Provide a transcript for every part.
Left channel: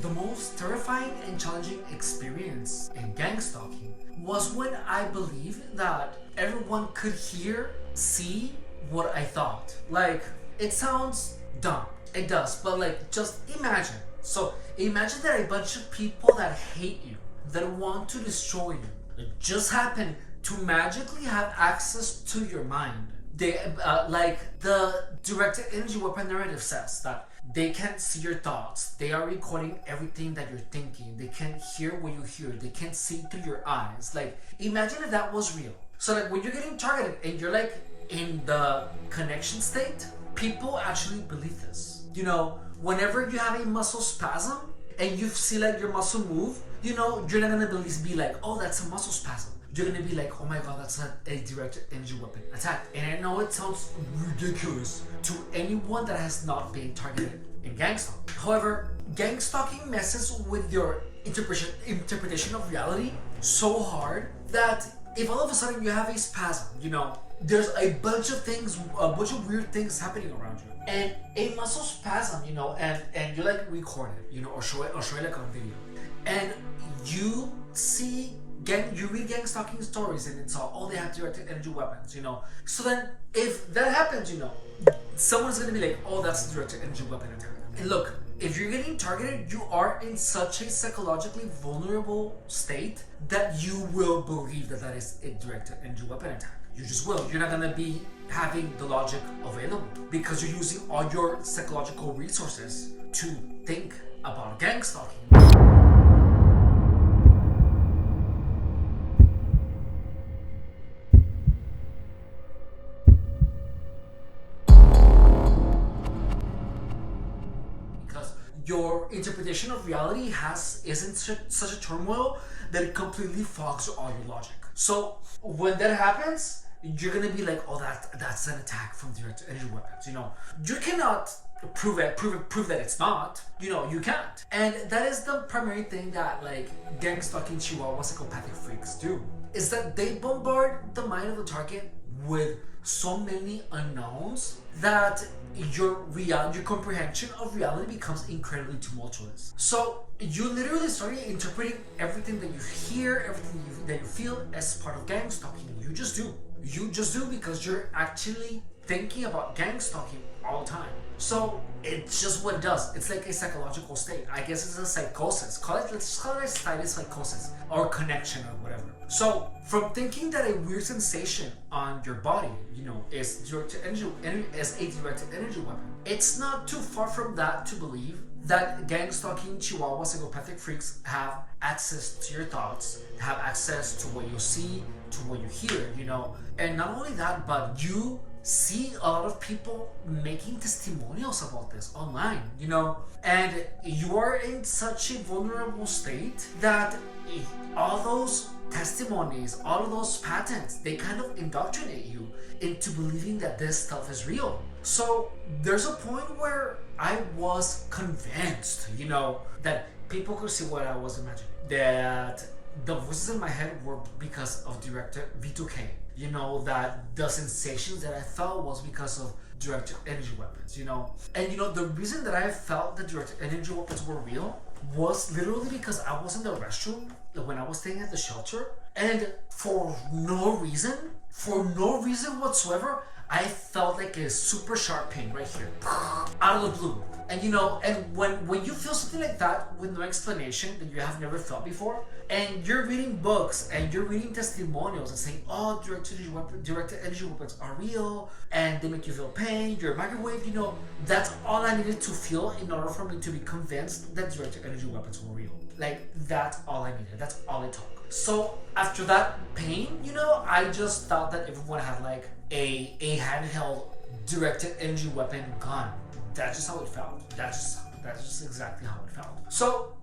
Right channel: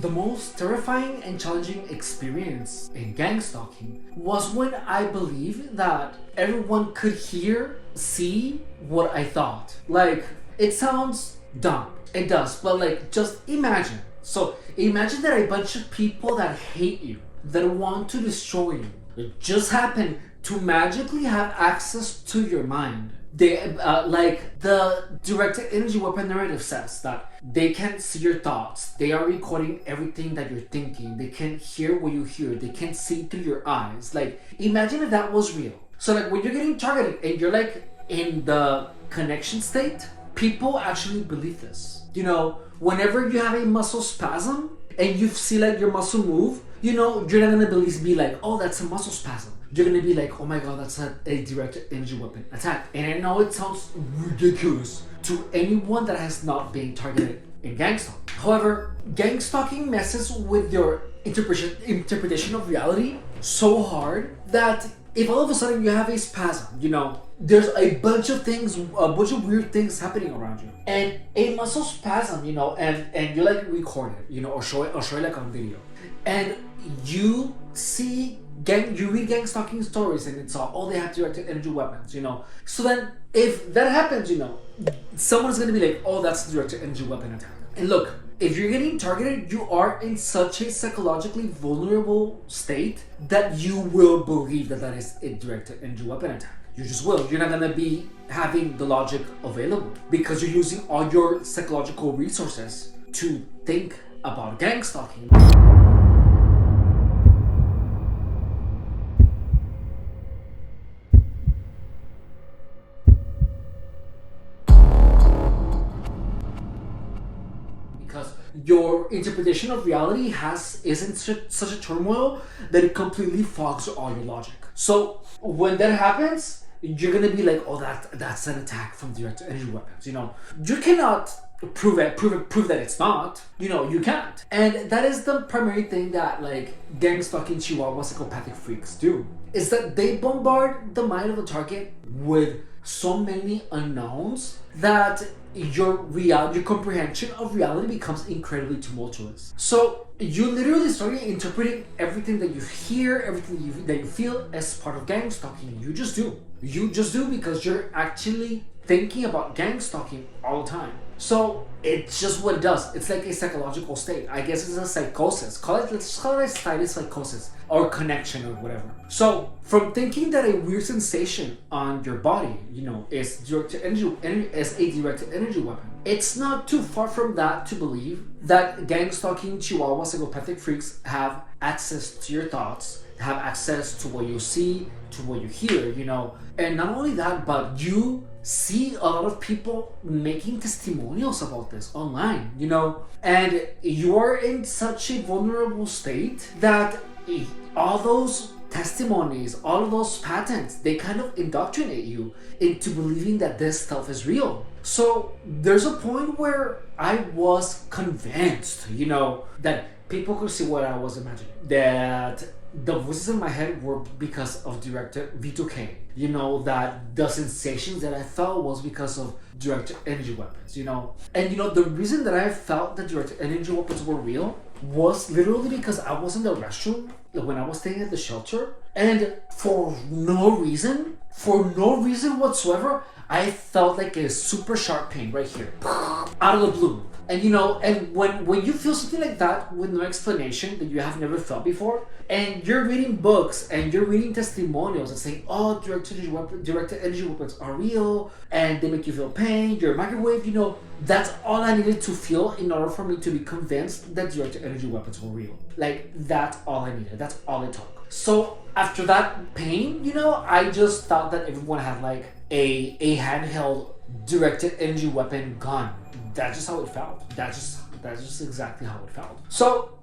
The most terrifying and challenging experience in gang stalking was when I believed that everyone could hear, see what I thought. Like, it sounds dumb. It does, but like, just imagine. So, imagine that a bunch of people that hate you, that want to destroy you, just happen to magically have access to your mind. They like the directed energy weapon narrative says that they can't see your thoughts. They are recording everything that you're thinking. They can't hear what you hear. They can't see through your eyes. Like, imagine if that was real. So like when you're getting targeted and you're like in the connection state, people actually believe this. You know, whenever you have a muscle spasm and you see like your muscle move, you know, you're not gonna be like, oh, that's a muscle spasm. You're gonna be like, oh my god, that's a directed energy weapon attack. And I know it sounds ridiculous to anyone that has not been targeted in gang stalking. However, gang stalking messes with your interpretation of reality so hard that if all of a sudden you have a spasm, you know, there's a bunch of things, a bunch of weird things happening around you. And a muscle spasm, you know, and you like record it, you know, or show it like on video. And you see you read gang stalking stories and it's all, oh, they have directed energy weapons, you know. So then if that happens, you know, someone's gonna be like, oh, that's a directed energy weapon attack. And look, if you're getting targeted, you are in such a psychologically vulnerable state that you will believe that that is a directed energy weapon attack. You just will. You're not gonna be having the logic available because you're using all your psychological resources to think about gang stalking. Your interpretation of reality is in such a turmoil that it completely fogs all your logic. So when that happens, you're gonna be like, oh, that's an attack from direct energy weapons. You know, you cannot prove that it's not. You know, you can't. And that is the primary thing that like gang stalking Chihuahua psychopathic freaks do, is that they bombard the mind of the target with so many unknowns that your comprehension of reality becomes incredibly tumultuous. So you literally start interpreting everything that you hear, everything that you feel as part of gang stalking. You just do because you're actually thinking about gang stalking all the time. So it's just what it does. It's like a psychological state. I guess it's a psychosis. Let's call it a psychosis or connection or whatever. So from thinking that a weird sensation on your body, you know, is a directed energy weapon, it's not too far from that to believe that gang stalking Chihuahua psychopathic freaks have access to your thoughts, have access to what you see, to what you hear, you know. And not only that, but you see a lot of people making testimonials about this online, you know, and you are in such a vulnerable state that all those testimonies, all of those patents, they kind of indoctrinate you into believing that this stuff is real. So there's a point where I was convinced, you know, that people could see what I was imagining, that the voices in my head were because of directed V2K. You know, that the sensations that I felt was because of directed energy weapons, you know. And you know, the reason that I felt that directed energy weapons were real was literally because I was in the restroom when I was staying at the shelter, and for no reason whatsoever, I felt like a super sharp pain right here, out of the blue. And you know, and when you feel something like that with no explanation that you have never felt before, and you're reading books and you're reading testimonials and saying, oh, directed energy weapons are real and they make you feel pain, you're a microwave, you know, that's all I needed to feel in order for me to be convinced that directed energy weapons were real. Like, that's all I needed. That's all it took. So after that pain, you know, I just thought that everyone had like a handheld directed energy weapon gun. That's just how it felt. That's just exactly how it felt.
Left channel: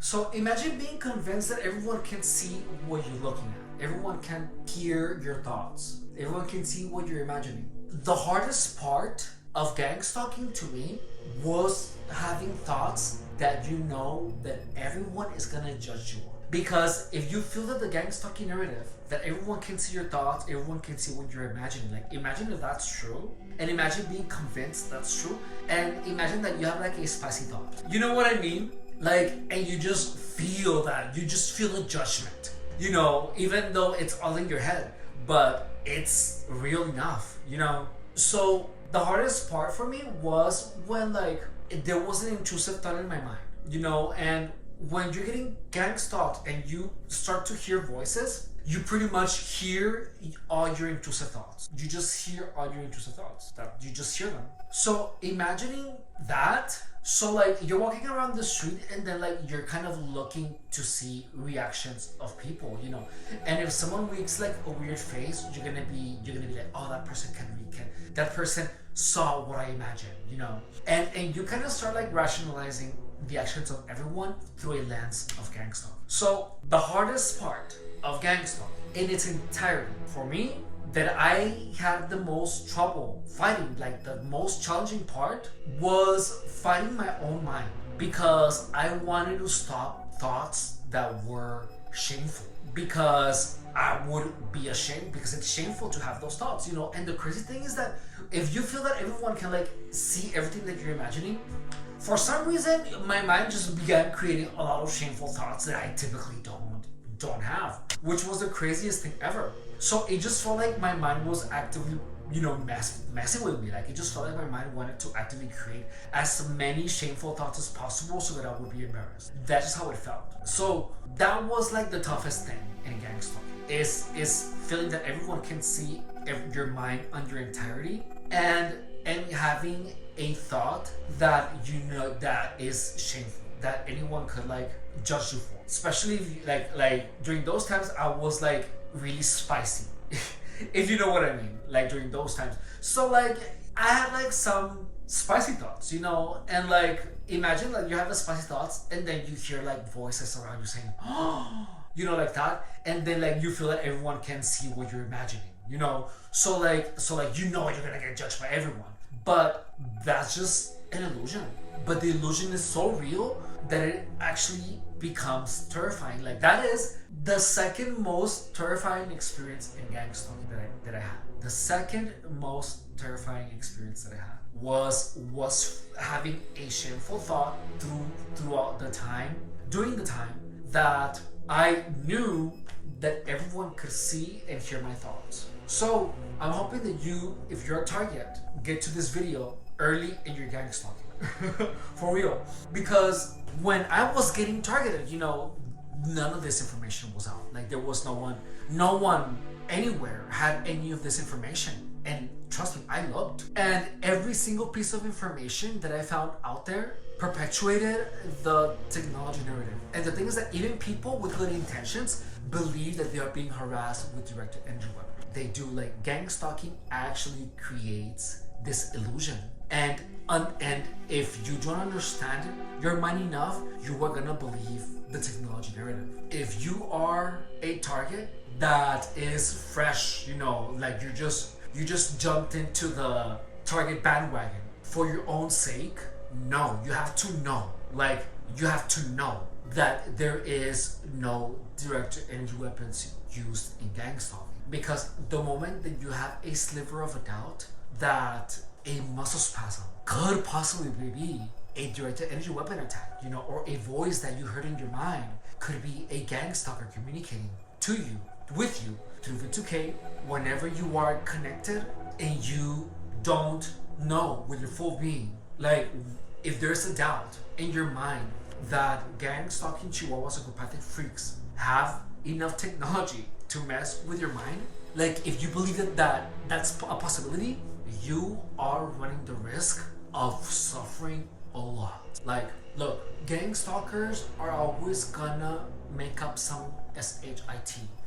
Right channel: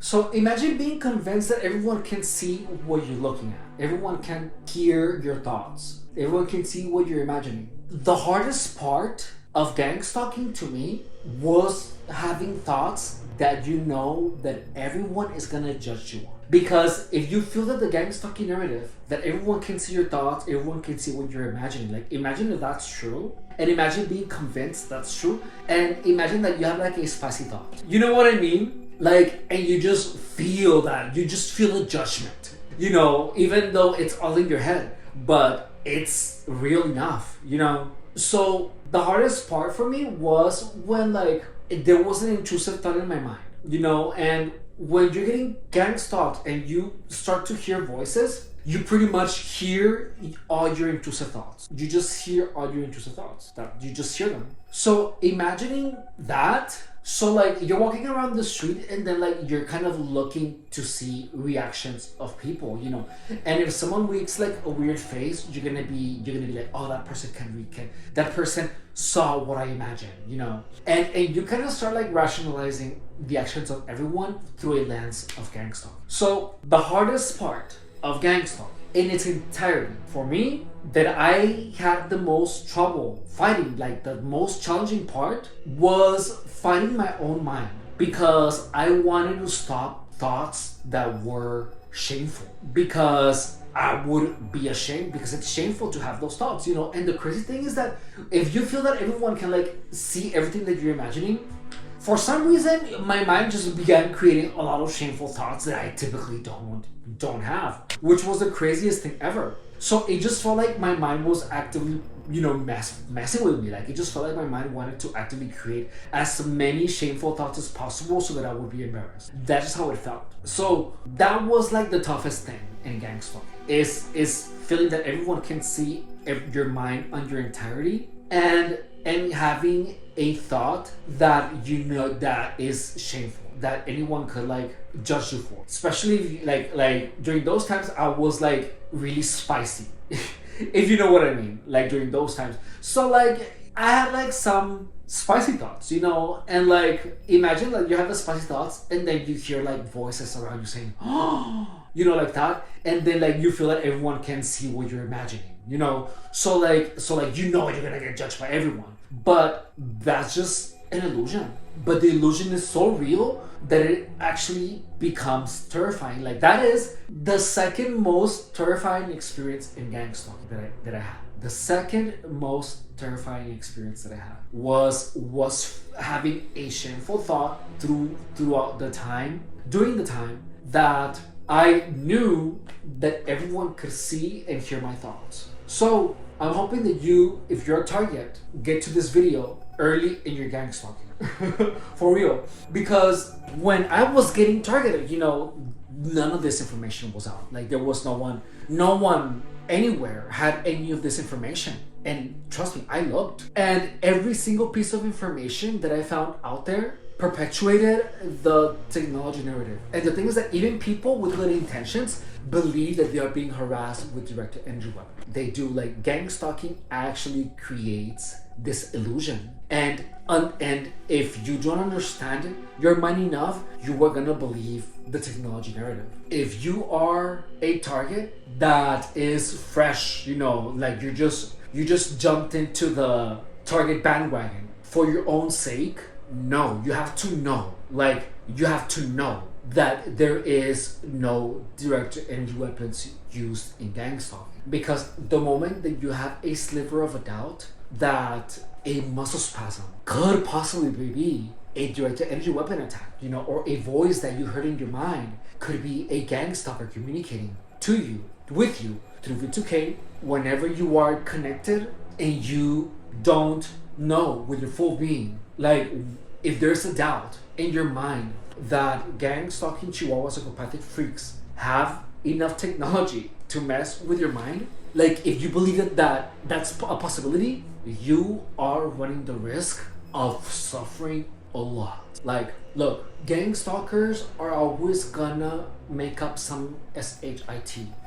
So imagine being convinced that everyone can see what you're looking at. Everyone can hear your thoughts. Everyone can see what you're imagining. The hardest part of gang stalking to me was having thoughts that you know that everyone is gonna judge you on. Because if you feel that the gang stalking narrative, that everyone can see your thoughts, everyone can see what you're imagining, like imagine if that's true, and imagine being convinced that's true, and imagine that you have like a spicy thought. You know what I mean? Like, and you just feel that, you just feel the judgment, even though it's all in your head, but it's real enough, So the hardest part for me was when, like, there was an intrusive thought in my mind, and when you're getting gang stalked and you start to hear voices, you pretty much hear all your intrusive thoughts. You just hear all your intrusive thoughts. That you just hear them. So imagining that. So like you're walking around the street and then like you're kind of looking to see reactions of people, And if someone makes like a weird face, you're gonna be like, oh, that person that person saw what I imagined, And you kind of start like rationalizing the actions of everyone through a lens of gang stalking. So the hardest part of gang stalking in its entirety for me, that I had the most trouble fighting, like the most challenging part, was fighting my own mind, because I wanted to stop thoughts that were shameful, because I would be ashamed, because it's shameful to have those thoughts, And the crazy thing is that if you feel that everyone can like see everything that you're imagining, for some reason my mind just began creating a lot of shameful thoughts that I typically don't have, which was the craziest thing ever. So it just felt like my mind was actively, messing with me. Like it just felt like my mind wanted to actively create as many shameful thoughts as possible so that I would be embarrassed. That's just how it felt. So that was like the toughest thing in gang stalking, is feeling that everyone can see your mind on your entirety, and having a thought that that is shameful, that anyone could like judge you for. Especially if you, like during those times I was like really spicy if you know what I mean, like during those times. So like I had like some spicy thoughts, and like imagine like you have the spicy thoughts and then you hear like voices around you saying, oh, like that, and then like you feel that everyone can see what you're imagining, so like you're gonna get judged by everyone, but that's just an illusion. But the illusion is so real that it actually becomes terrifying. Like that is the second most terrifying experience in gang stalking that I had. The second most terrifying experience that I had was having a shameful thought throughout the time, during the time that I knew that everyone could see and hear my thoughts. So I'm hoping that you, if you're a target, get to this video early in your gang stalking. For real, because when I was getting targeted, none of this information was out. Like there was no one anywhere had any of this information. And trust me, I looked, and every single piece of information that I found out there perpetuated the technology narrative. And the thing is that even people with good intentions believe that they are being harassed with directed energy weapons. They do. Like gang stalking actually creates this illusion, and if you don't understand your mind enough, you are gonna believe the technology narrative. If you are a target that is fresh, like you just jumped into the target bandwagon for your own sake, no, you have to know. Like you have to know that there is no direct energy weapons used in gang stalking, because the moment that you have a sliver of a doubt that a muscle spasm could possibly be a directed energy weapon attack, or a voice that you heard in your mind could be a gang stalker communicating to you, with you, through V2K, whenever you are connected and you don't know with your full being. Like, if there's a doubt in your mind that gang stalking Chihuahua psychopathic freaks have enough technology to mess with your mind, like if you believe that that's a possibility, you are running the risk of suffering a lot. Like, look, gang stalkers are always gonna make up some shit.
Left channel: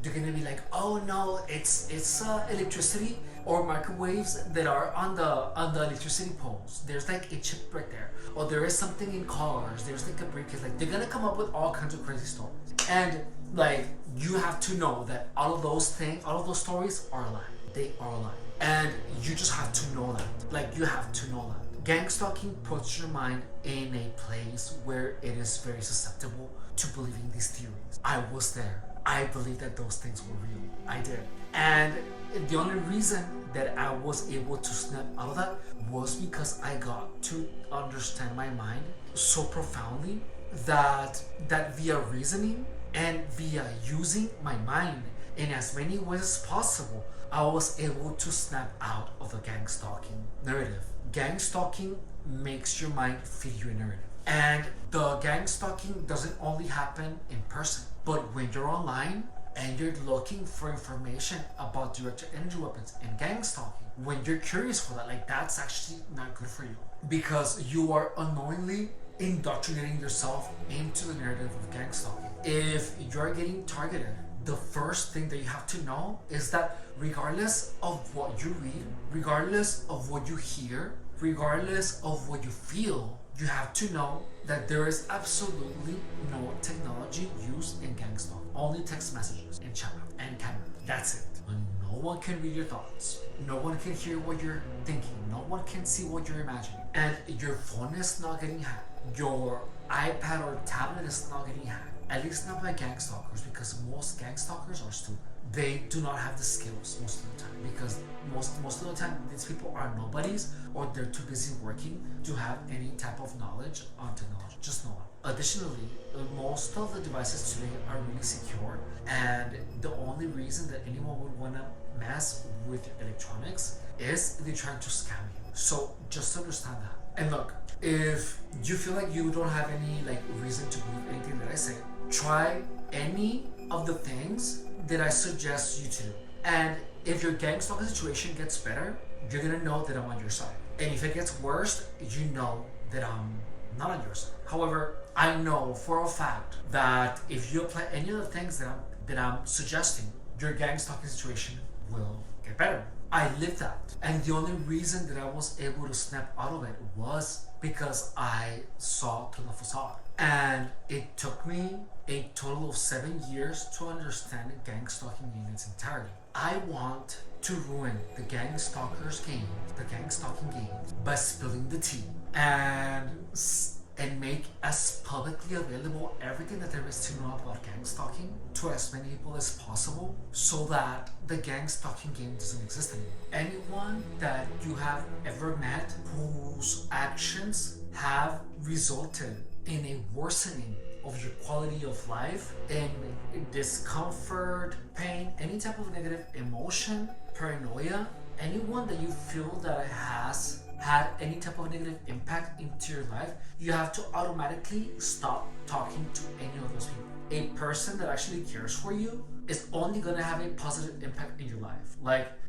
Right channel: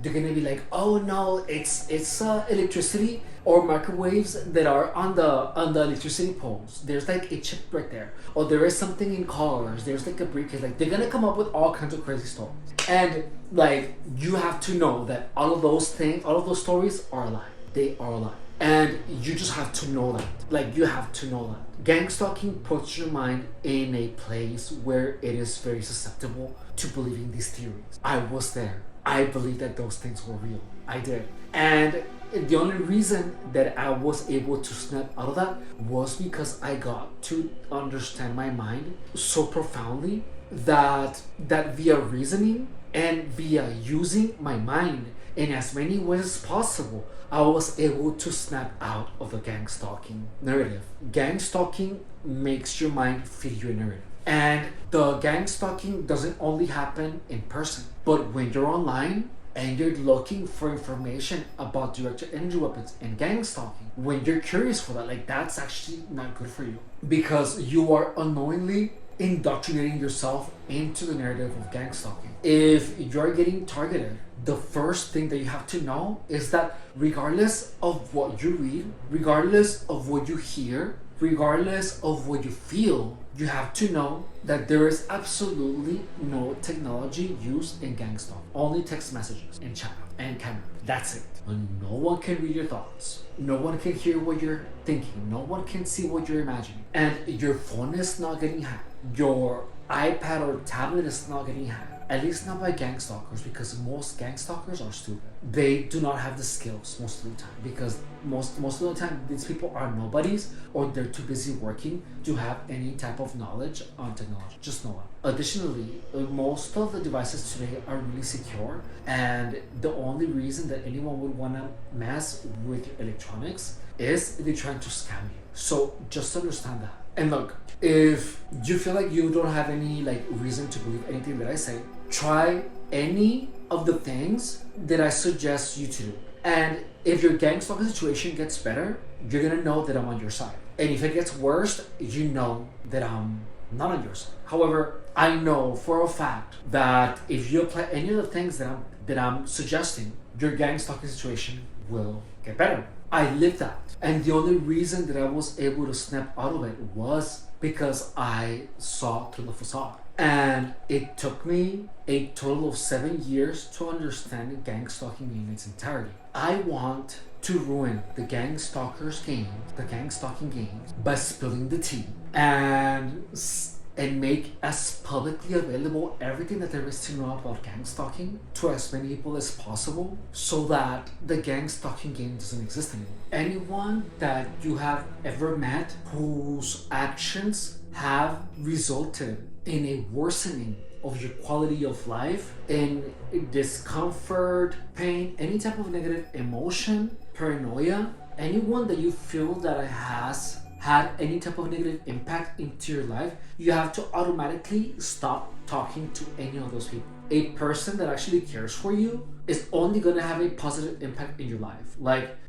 They're gonna be like, oh no, it's electricity or microwaves that are on the electricity poles. There's like a chip right there, or there is something in cars. There's like a briefcase. Like they're gonna come up with all kinds of crazy stories, and like you have to know that all of those stories are a lie. They are a lie. And you just have to know that. Like, you have to know that. Gang stalking puts your mind in a place where it is very susceptible to believing these theories. I was there. I believed that those things were real. I did. And the only reason that I was able to snap out of that was because I got to understand my mind so profoundly that via reasoning and via using my mind in as many ways as possible, I was able to snap out of the gang stalking narrative. Gang stalking makes your mind feed you a narrative. And the gang stalking doesn't only happen in person, but when you're online and you're looking for information about directed energy weapons and gang stalking, when you're curious for that, like, that's actually not good for you, because you are unknowingly indoctrinating yourself into the narrative of gang stalking. If you're getting targeted, the first thing that you have to know is that regardless of what you read, regardless of what you hear, regardless of what you feel, you have to know that there is absolutely no technology used in gang stalking. Only text messages and chat and camera. That's it. And no one can read your thoughts. No one can hear what you're thinking. No one can see what you're imagining. And your phone is not getting hacked. Your iPad or tablet is not getting hacked. At least not by gang stalkers, because most gang stalkers are stupid. They do not have the skills most of the time, because most of the time these people are nobodies, or they're too busy working to have any type of knowledge on technology. Just no one. Additionally, most of the devices today are really secure, and the only reason that anyone would want to mess with your electronics is if they're trying to scam you. So just understand that. And look, if you feel like you don't have any reason to believe anything that I say, try any of the things that I suggest you to do. And if your gang stalking situation gets better, you're gonna know that I'm on your side. And if it gets worse, you know that I'm not on your side. However, I know for a fact that if you apply any of the things that I'm suggesting, your gang stalking situation will get better. I lived that. And the only reason that I was able to snap out of it was because I saw through the facade. And it took me a total of 7 years to understand gang stalking in its entirety. I want to ruin the gang stalkers game, the gang stalking game, by spilling the tea and make as publicly available everything that there is to know about gang stalking to as many people as possible, so that the gang stalking game doesn't exist anymore. Anyone that you have ever met whose actions have resulted in a worsening of your quality of life, in discomfort, pain, any type of negative emotion, paranoia, anyone that you feel that has had any type of negative impact into your life, you have to automatically stop talking to any of those people. A person that actually cares for you is only going to have a positive impact in your life.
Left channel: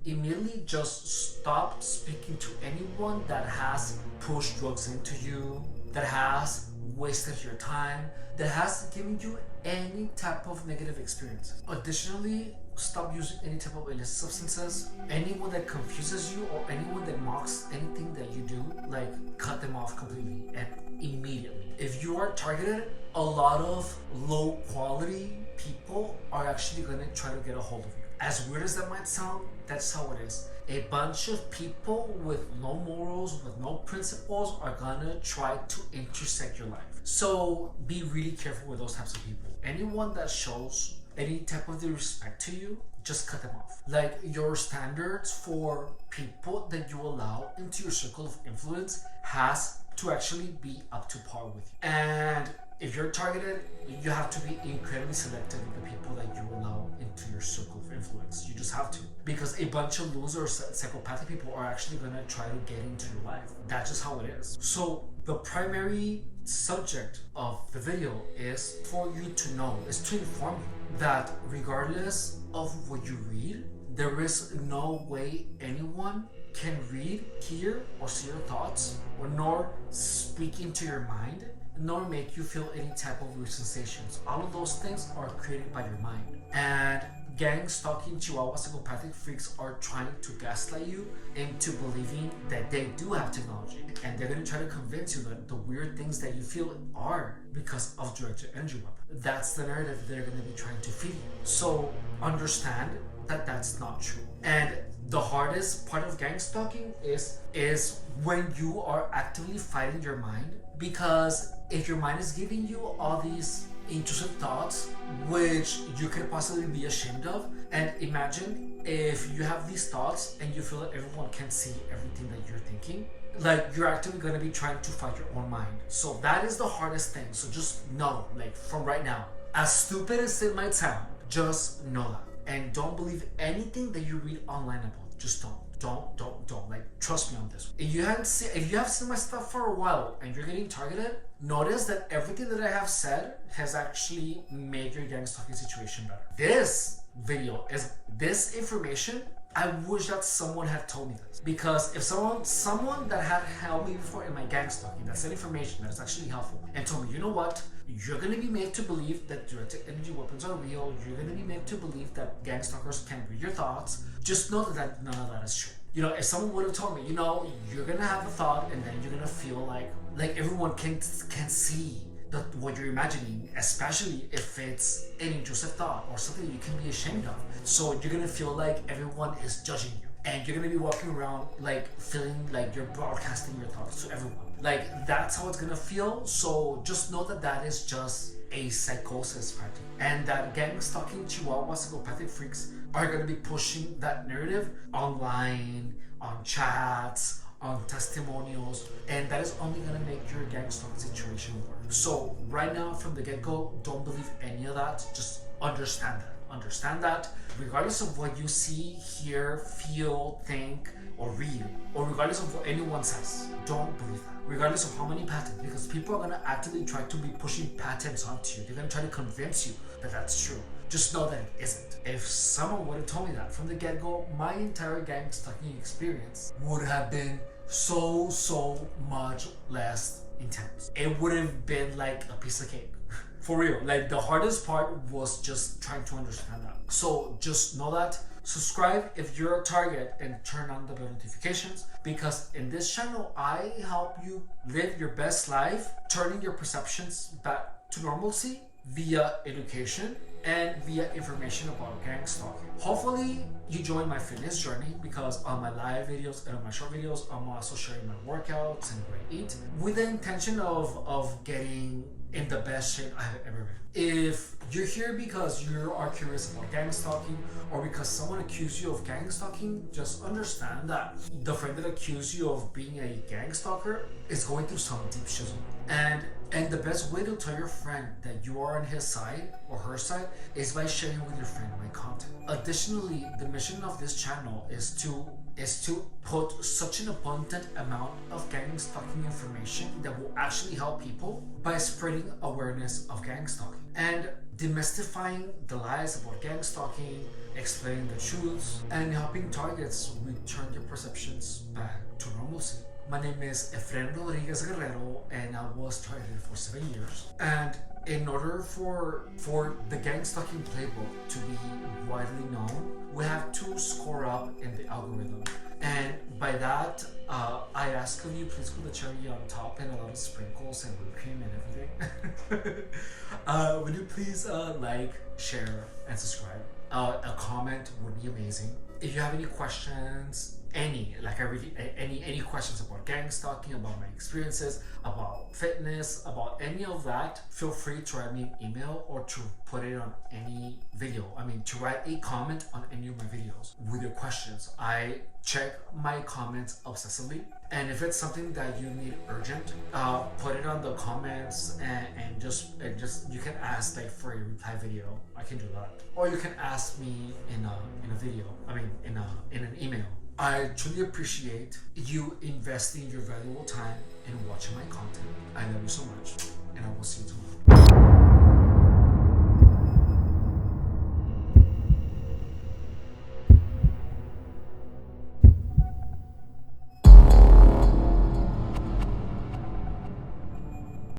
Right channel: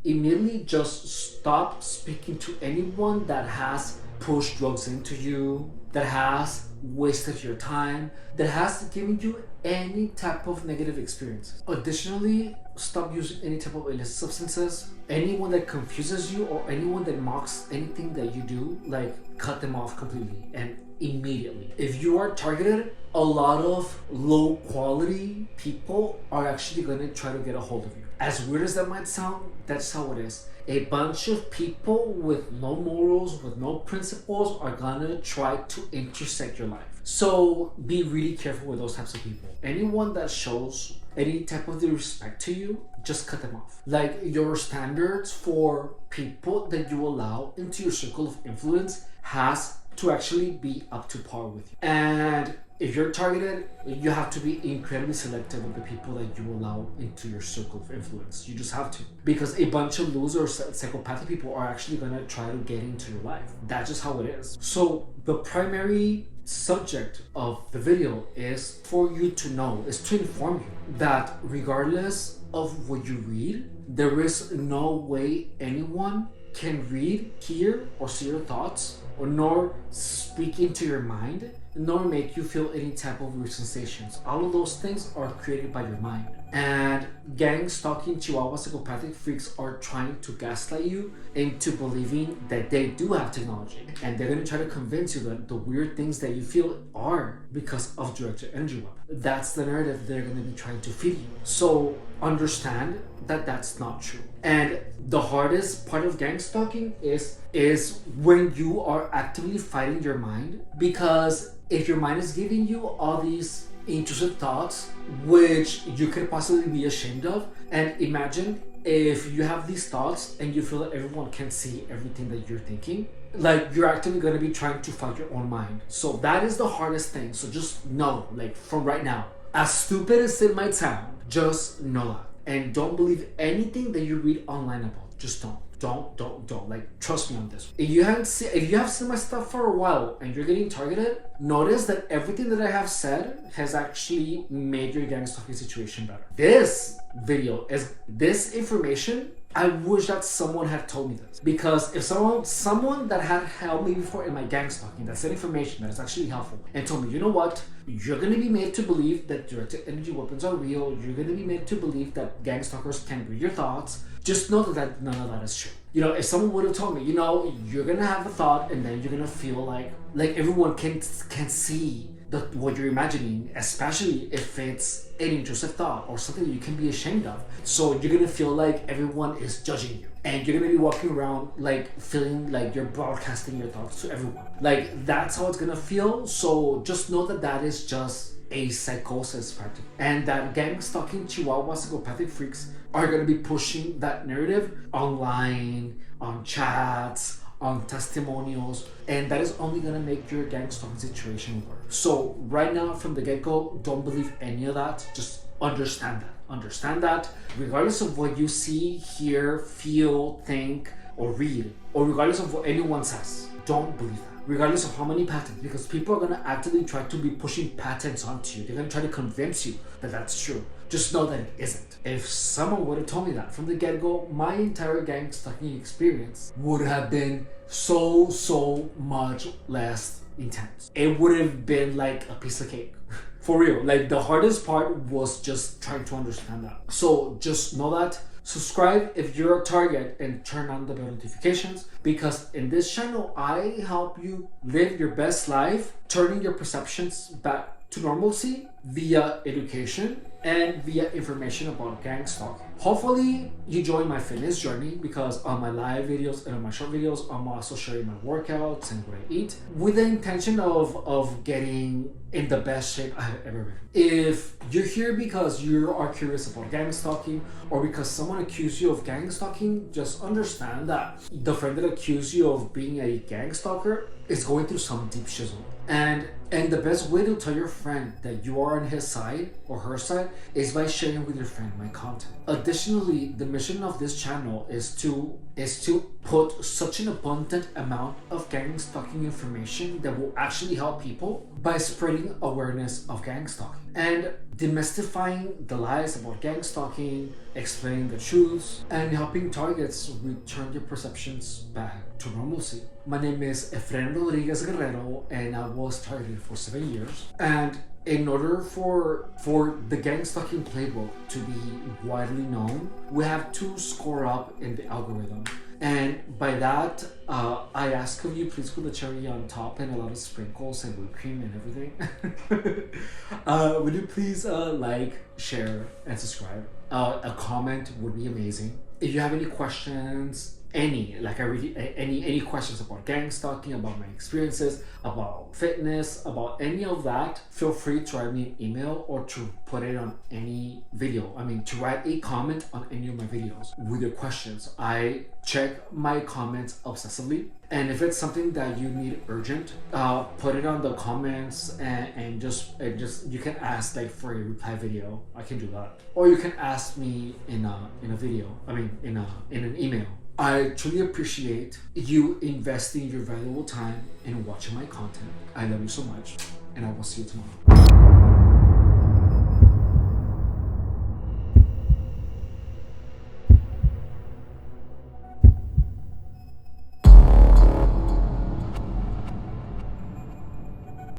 Immediately just stop speaking to anyone that has pushed drugs into you, that has wasted your time, that has given you any type of negative experience. Additionally, stop using any type of illicit substances. Anyone that confuses you or anyone that mocks anything that you do, cut them off completely and immediately. If you are targeted, a lot of low quality people are actually going to try to get a hold of you. As weird as that might sound, that's how it is. A bunch of people with no morals, with no principles, are gonna try to intersect your life. So be really careful with those types of people. Anyone that shows any type of disrespect to you, just cut them off. Your standards for people that you allow into your circle of influence has to actually be up to par with you. And if you're targeted, you have to be incredibly selective with the people that you allow into your circle of influence. You just have to. Because a bunch of losers, psychopathic people are actually going to try to get into your life. That's just how it is. So the primary subject of the video is for you to know, is to inform you that regardless of what you read, there is no way anyone can read, hear, or see your thoughts, or nor speak into your mind, nor make you feel any type of weird sensations. All of those things are created by your mind. And gang stalking chihuahua psychopathic freaks are trying to gaslight you into believing that they do have technology, and they're going to try to convince you that the weird things that you feel are because of directed energy weapon. That's the narrative they're going to be trying to feed you. So understand that that's not true. And the hardest part of gang stalking is when you are actively fighting your mind, because if your mind is giving you all these intrusive thoughts which you could possibly be ashamed of, and imagine if you have these thoughts and you feel that everyone can see everything that you're thinking, like you're actively going to be trying to fight your own mind. So that is the hardest thing. So just know, like from right now, as stupid as it might sound, just know that. And don't believe anything that you read online about. Just don't. Don't. Like, trust me on this. If you have seen my stuff for a while and you're getting targeted, notice that everything that I have said has actually made your gang stalking situation better. This information, I wish that someone had told me this, because if someone that had helped me before in my gang stalking, that said information that is actually helpful and told me, you know what, you're going to be made to believe that directed energy weapons are real, you're going to be made to believe that gang stalkers can read your thoughts, just know that none of that is true. You know, if someone would have told me, you know, you're going to have a thought and then you're going to feel like everyone can see what you're imagining, especially if it's an intrusive thought or something you can be ashamed of. So you're gonna feel like everyone is judging you, and you're gonna be walking around like feeling like you're broadcasting your thoughts to everyone. Like, that's how it's gonna feel. So just know that that is just a psychosis factor, and that gang stalking chihuahua psychopathic freaks are gonna be pushing that narrative online, on chats, on testimonials, and that is only gonna make your gang stalking situation worse. So right now, from the get-go, don't believe any of that. Just understand that regardless of what you see, hear, feel, think, or read, or regardless of what anyone says, don't believe that. Regardless of how many patents, because people are gonna actively try to be pushing patents onto you. They're gonna try to convince you that that's true. Just know that it isn't. If someone would have told me that from the get-go, my entire gang stalking experience would have been so much less intense. It would have been like a piece of cake. For real. Like, the hardest part was just trying to understand that. So just know that. Subscribe if you're a target and turn on the bell notifications, because in this channel I help you live your best life, turning your perceptions back to normalcy via education and via information about gang stalking. Hopefully you join my fitness journey, because on my live videos and on my short videos I'm also sharing my workouts and what I eat, with the intention of getting in the best shape I've ever been. If you're here because you are curious about gang stalking, or because someone accused you of gang stalking, just understand that the friend that accused you of being a gang stalker is going through some deep shizzle. And the best way to tell your friend that you are on his side or her side is by sharing with your friend my content. Additionally, the mission of this channel is to put such an abundant amount of gang stalking information that will actually help people by spreading awareness of gang stalking and demystifying the lies about gang stalking, explaining the truths, and helping targets return their perceptions back to normalcy. My name is Efren Rodriguez Guerrero, and I was targeted for 7 years. And in order for the gang stalking playbook to be widely known, we have to score up in the algorithm. And by that, I ask of you, please put the cherry on top and a lot of sprinkles and whipped cream and everything. Would you please like, share, and subscribe? A comment would be amazing. If you have any questions, any questions about gang stalking, about my experiences, about fitness, about any of that, feel free to write me an email or to put it on any video. I mean, to write a comment on any of my videos with your questions. I check my comments obsessively, and if it's something that you need urgent, put it on the comments, and just you can ask like for a reply video. I can do that, or you can ask me in a video. I mean, in an email. I truly appreciate you investing your valuable time in watching my content. I love you so much, and I will see you tomorrow.